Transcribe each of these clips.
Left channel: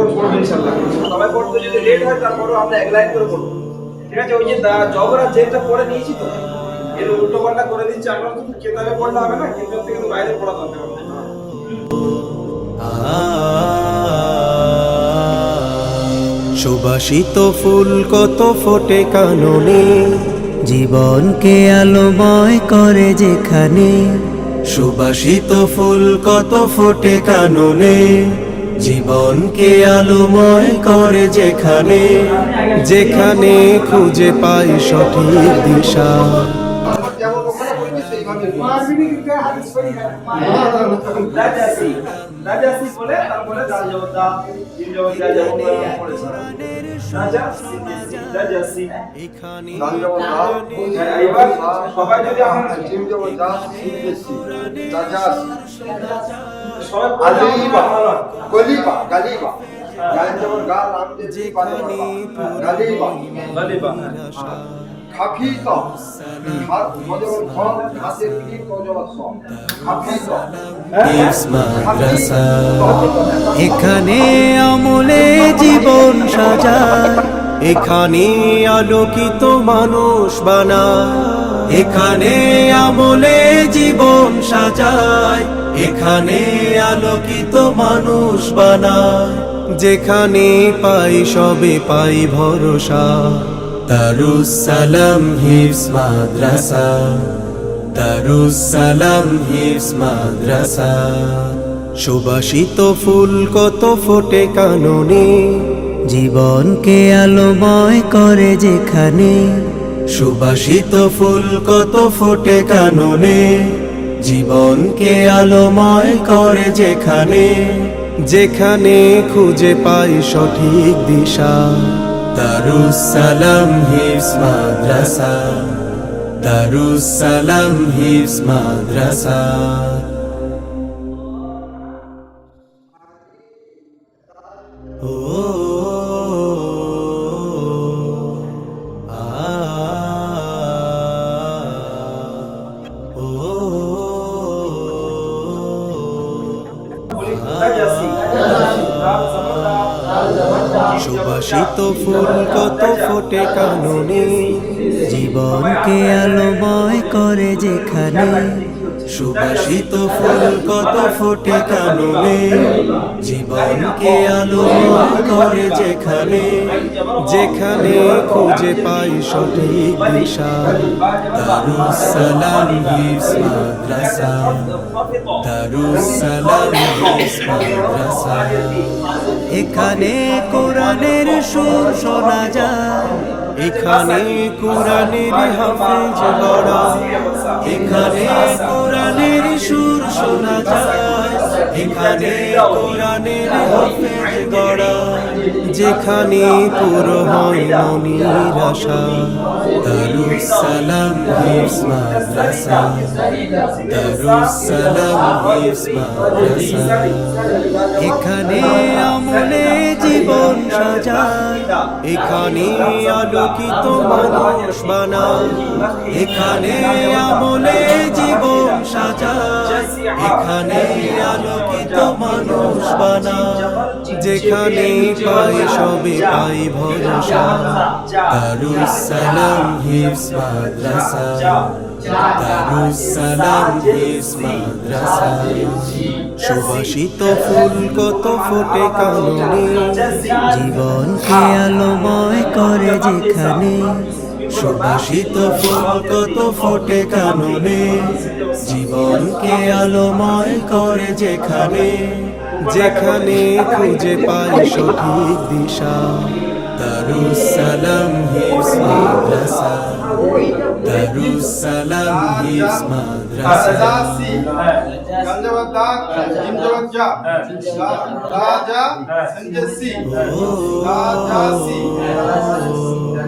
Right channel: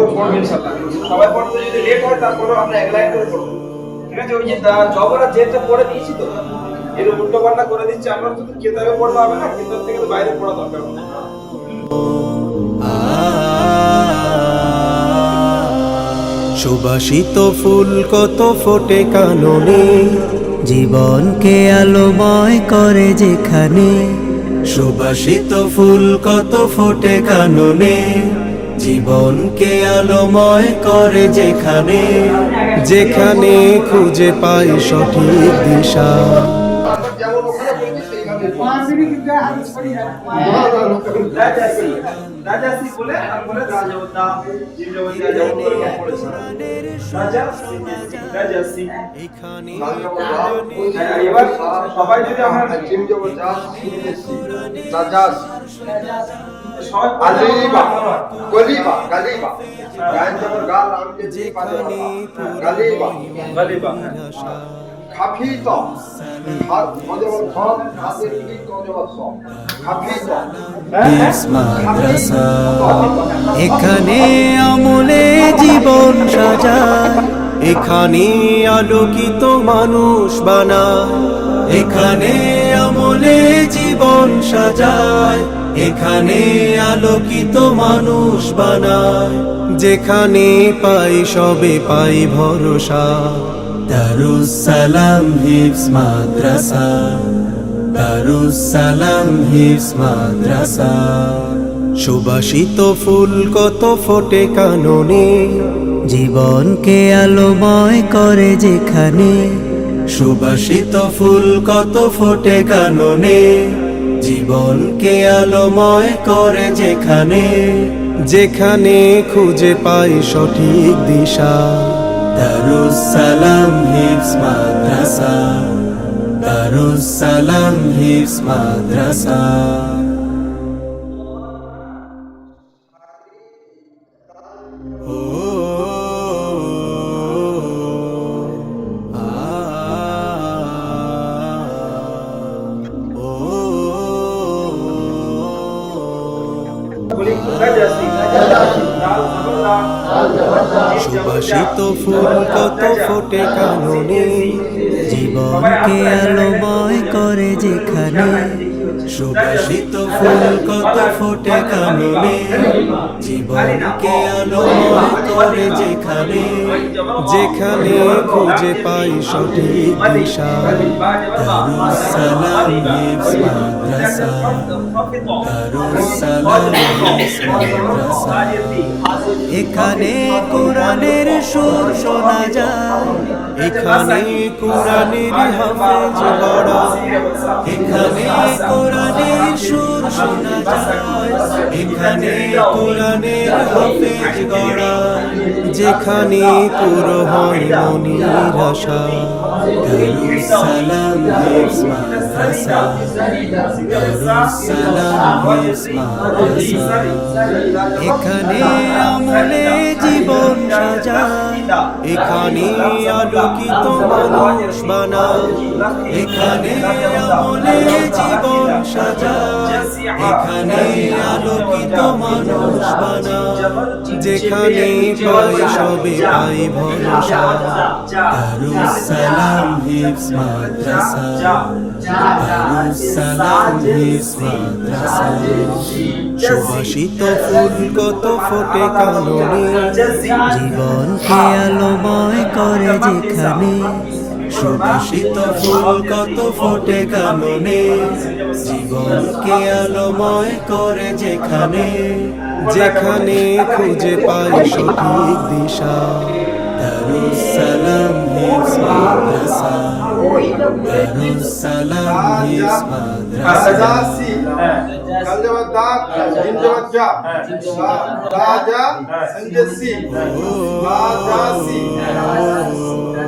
পরপর পড়বে ইনশাআল্লাহ। সবাই পড়তে যদি লেট হয় আমরা এক লাইন করে পড়ব। ঠিক আছে, ওই যে জবরা যেটা পড়ে দিয়েছি তো, এর উল্টো পাল্টা করে আমরা শুধু কেতাবে হবে না, কেতাব থেকে বাইরে পড়া দরকার সুবাসিত ফুল কত ফোটে কাননে, জীবনকে আলোময় করে যেখানে। সুবাসিত ফুল কত ফোটে কাননে জীবনকে আলোময় করে যেখানে যেখানে খুঁজে পাই সঠিক দিশা। রাজাসি রাজাসি বলে তারপরে রাজবতা জিনজবতা জবতা পড়েছে রাজাসি রাজাসি এখানে সবাই যদি আমরা যেখানে গালিবা। গালিবা, হ্যাঁ। খাফিত। মাদ্রাসা এখানে আমলে জীবন সাজায় এখানে আলোকিত মানুষ বানায় এখানে আমলে জীবন সাজায়। এখানে আলোকিত মানুষ বানায়। যেখানে পাই সবে পাই ভরসা। দারুসালাম হিফস মাদ্রাসা। দারুসালাম হিফস মাদ্রাসা। সুবাসিত ফুল কত ফোটে কাননে। জীবনকে আলোময় করে যেখানে। সুবাসিত ফুল কত ফোটে কাননে। জীবনকে আলোময় করে যেখানে যেখানে খুঁজে পাই সঠিক দিশা। দারুসালাম হিফস মাদ্রাসা। দারুসালাম হিফস মাদ্রাসা। সুবাসিত ফুল কত ফোটে কাননে জীবনকে আলোময় করে যেখানে সুবাসিত ফুল কত ফুটে কাননে জীবনকে আলোময় করে যেখানে যেখানে খুঁজে পাই সঠিক দিশা। দারুসালাম মাদ্রাসা মাদ্রাসা। এখানে কোরআনের সুর শোনা যায় এখানে কোরআনের হাফেজ গড়া। এখানে কোরআনের সুর শোনা যায়। এখানে কোরআনের হাফেজ গড়া। যেখানে পুরো হয় মনির আশা। এখানে আমলে জীবন সাজায়। এখানে আলোকিত মানুষ বানায়। এখানে আমলে জীবন এখানে আলোকিত মানুষ বানায়। যেখানে পাই সবে পাই ভরসা। দারুসালাম হিফস মাদ্রাসা। দারুসালাম মাদ্রাসা। সুবাসিত ফুল কত ফোটে কাননে। জীবনকে আলোময় করে যেখানে সুবাসিত ফুল কত ফোটে কাননে। জীবনকে আলোময় করে যেখানে যেখানে খুঁজে পাই সঠিক দিশা। দারুসালাম হে মাদ্রাসা হিফস মাদ্রাসা রাজাসি গাল যেমন দাগ জিম যেমন যা রাজা সঞ্জসি রাজাসি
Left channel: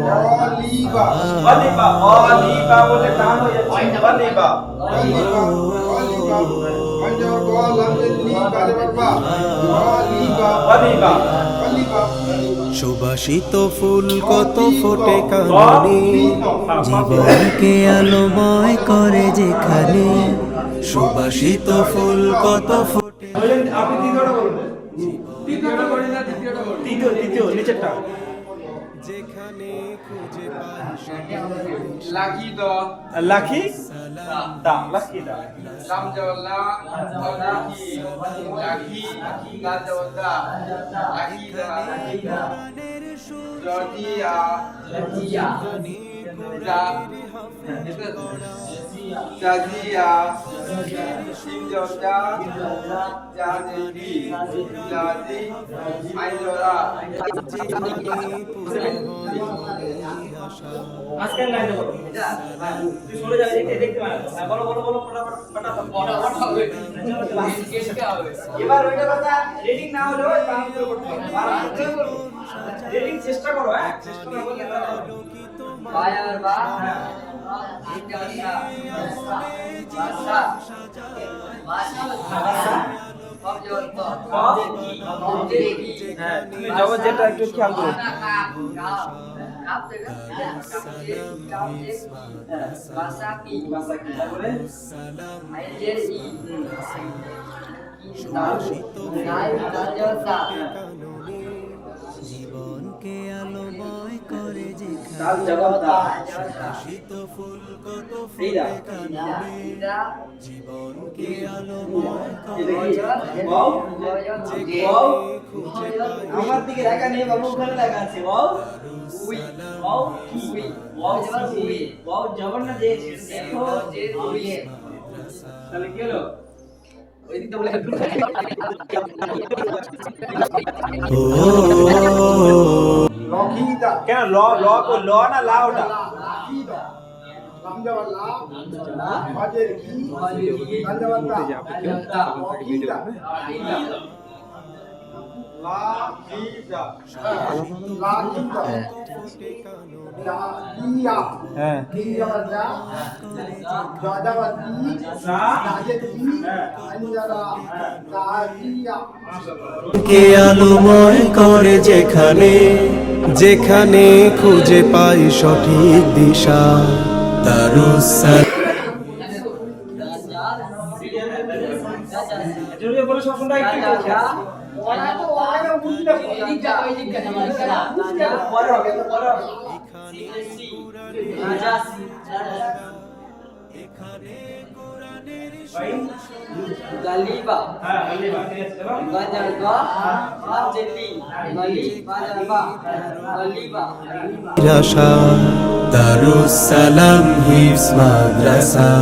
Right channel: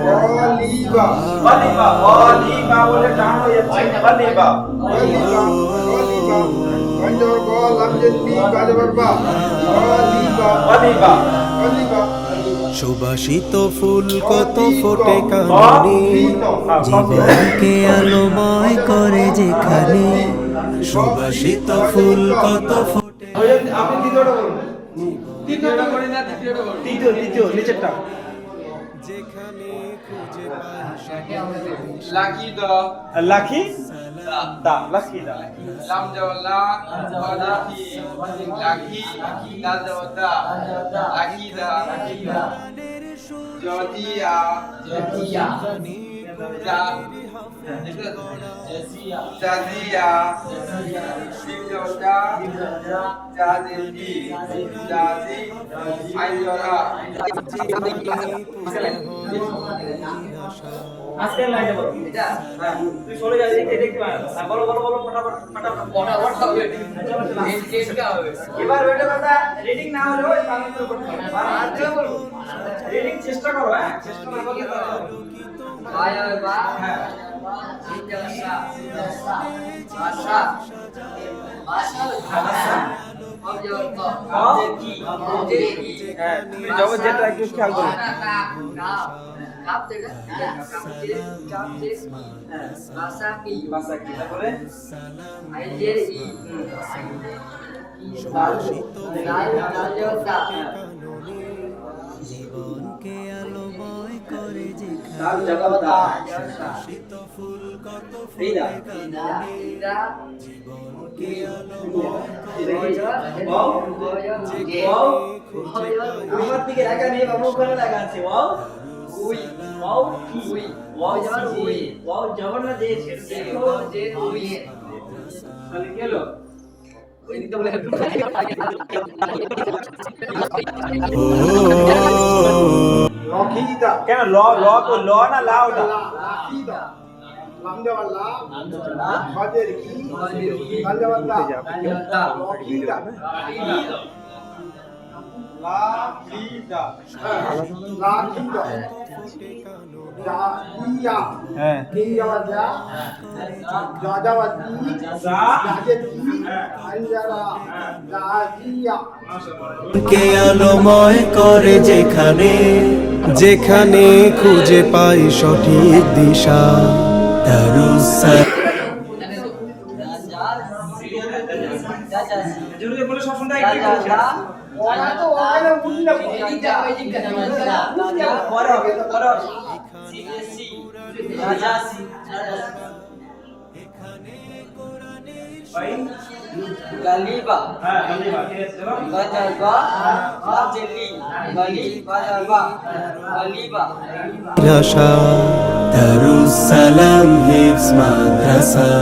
গলিবা গলিবা গলিবা বলে টান হয়ে যাচ্ছে গলিবা গলিবা গলিবা গান যেমন গল আমি সুবাসিত ফুল কত ফোটে কাননে। জীবনকে আলোময় করে যেখানে সুবাসিত ফুল কত ফোটে। আপনি দ্বিতীয়টা বলুন। দ্বিতীয়টা করি না তৃতীয় তৃতীয় নিচেরটা। যেখানে খুঁজে পাই। লাকি দ। লাকি? দা লাকি দা লাম জওয়ালা ফাদাকি লাকি দা। জওয়াদা লাকি দা। কোরআনের সুর জাদি আইজরা যেখানে পুরো আশা আজকের লাইনে বলো তুই সরে যা দেখতে দেখতে পারো হ্যাঁ, বলো বলো বলো ফটাফট ফটাফট ফটাফট হবে এবার ওইটা কথা রিডিং না হলেও বাংলা করতে হবে চেষ্টা করো হ্যাঁ অবজেক্টি হ্যাঁ। জগৎ যেটা একটু খেয়াল করো। কাপ। থেকে কাপ থেকে ভাষা কি? ভাষা কি? তারপরে? আইজের ই। সুবাসিত অবজন্ত কাননে জীবনকে আলোময় করে যেখানে শীত ফুল কত ফ্রিদা জীবনকে আলোময় যেখানে আমার দিকে রাখা নেই বাবু ওখানে লাগা আছে। ওয়াও। উই। ওয়াও উই। ওয়াও যেমন উই উই। ওয়াও জবর না যে যে যে উই। তাহলে কি হলো? কেন ল ল তো ল না লা ওটা? লাক্ষিতা লাম যাবার লা হজের কি? কে করে যেখানে যেখানে খুঁজে পাই সঠিক দিশা। দারুসালাম জরুরি বলে সব শুনতে একটু ওরা তো ওখানে উঠলে পরে হবে পরে হবে গালিবা হ্যাঁ ঠিক আছে দারুসালাম হিফস মাদ্রাসা।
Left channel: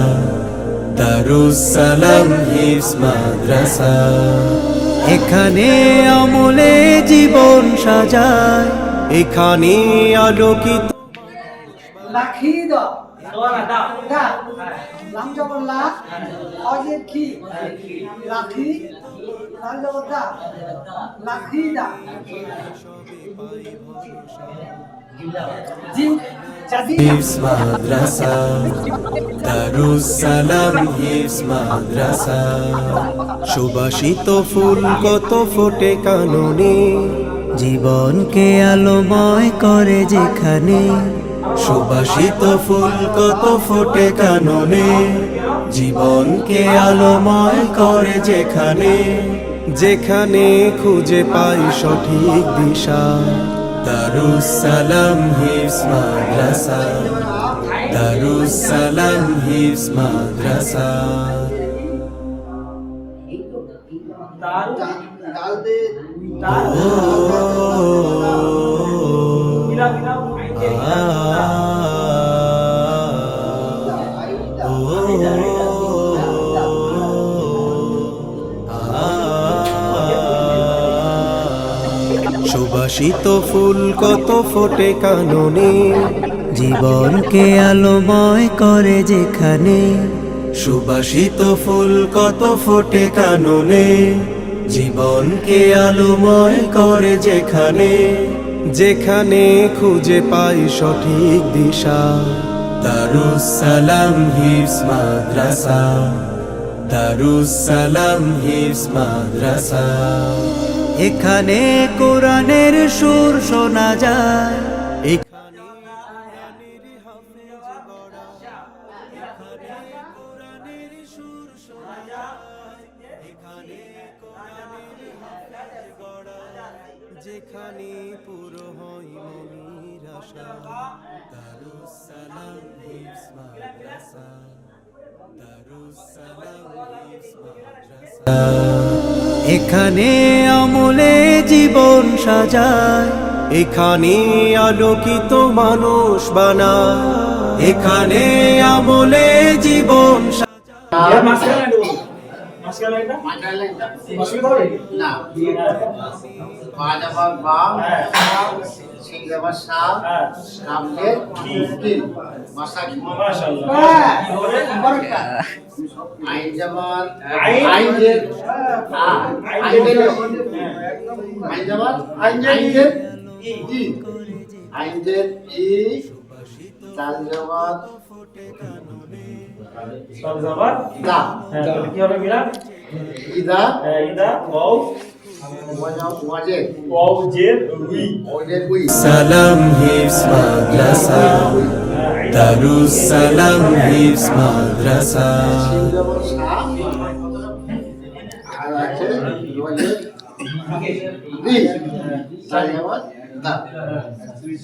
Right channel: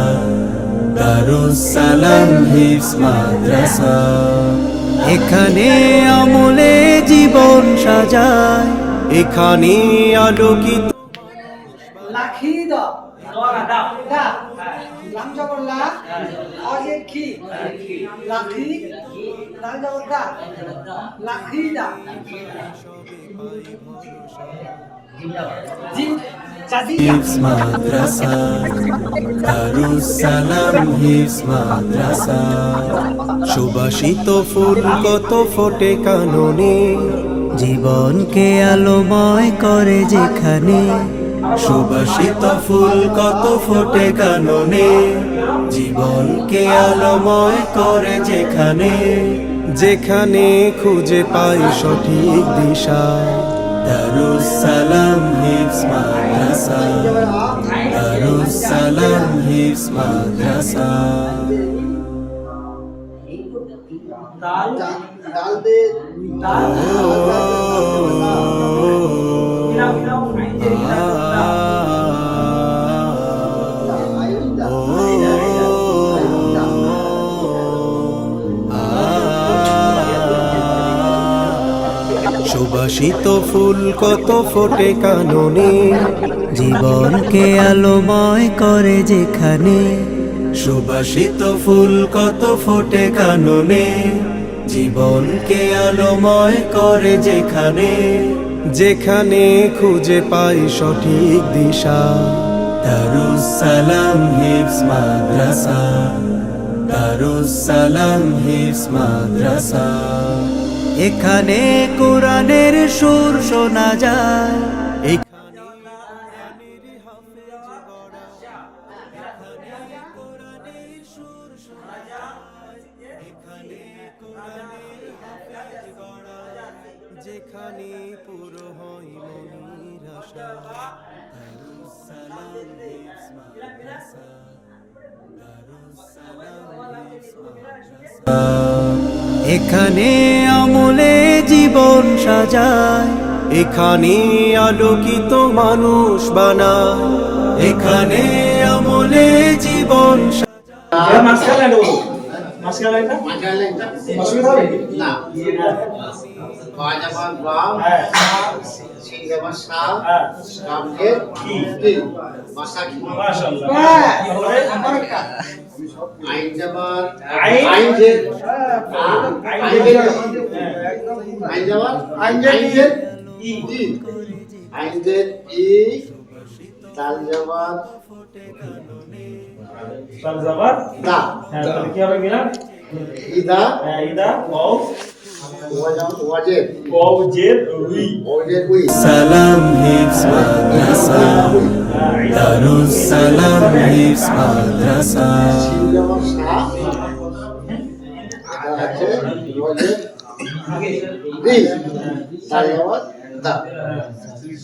দারুসালাম হিফস মাদ্রাসা। এখানে আমলে জীবন সাজায় এখানে আলোকিত লাখিদ। দোয়া দা লাম জবর লা অজের কি? লাখি লাল জবর দা দারুসালাম হিফস মাদ্রাসা। সুবাসিত ফুল কত ফোটে কাননে জীবনকে আলোময় করে যেখানে সুবাসিত ফুল কত ফোটে কাননে? জীবনকে আলোময় করে যেখানে। যেখানে খুঁজে পাই সঠিক দিশা। দারুসালাম হিফস মাদ্রাসা। দারুসালাম হিফস মাদ্রাসা। দাল ডাল দে দাল সুবাসিত ফুল কত ফোটে কাননে, জীবনকে আলোময় করে যেখানে। সুবাসিত ফুল কত ফোটে কাননে, জীবনকে আলোময় করে যেখানে। যেখানে খুঁজে পাই সঠিক দিশা। দারুসালাম মাদ্রাসা। দারুসালাম মাদ্রাসা। এখানে কোরআনের সুর শোনা যায়। এখানে আমলে জীবন সাজায় এখানে আলোকিত মানুষ বানায় এখানে আমলে জীবন সাজায়। মাঝখানে লাইনটা? অসুবিধা হবে? না। বা যাবার বাম হ্যাঁ। যাবার সাপ কামদের কি? কি? মাসা কি মাশাআল্লাহ। তারপরে বরকত। আইন যাবার আইন? আইন যে আইন হ্যাঁ। যাবার আইন যে আইন যে ই। তাল যাবার তাহলে যাবার দা হ্যাঁ তাহলে কি হবে মিলান ইদা? হ্যাঁ ইদা ওয়াও। সালাম হিফজ মাদ্রাসা। দারুস সালাম হিফজ মাদ্রাসা। আছে ওয়াজে দি তাল দা।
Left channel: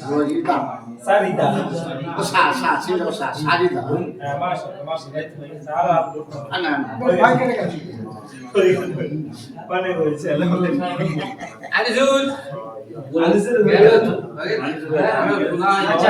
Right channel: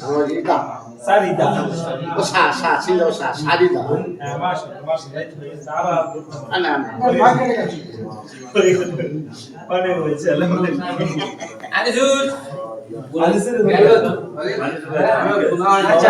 ওয়াজে দা। সারিদা ও সা সা সিং যাবার সা সারিদা হ্যাঁ সারা গেছে মানে হয়েছে আলহামদুলিল্লাহ আগে আচ্ছা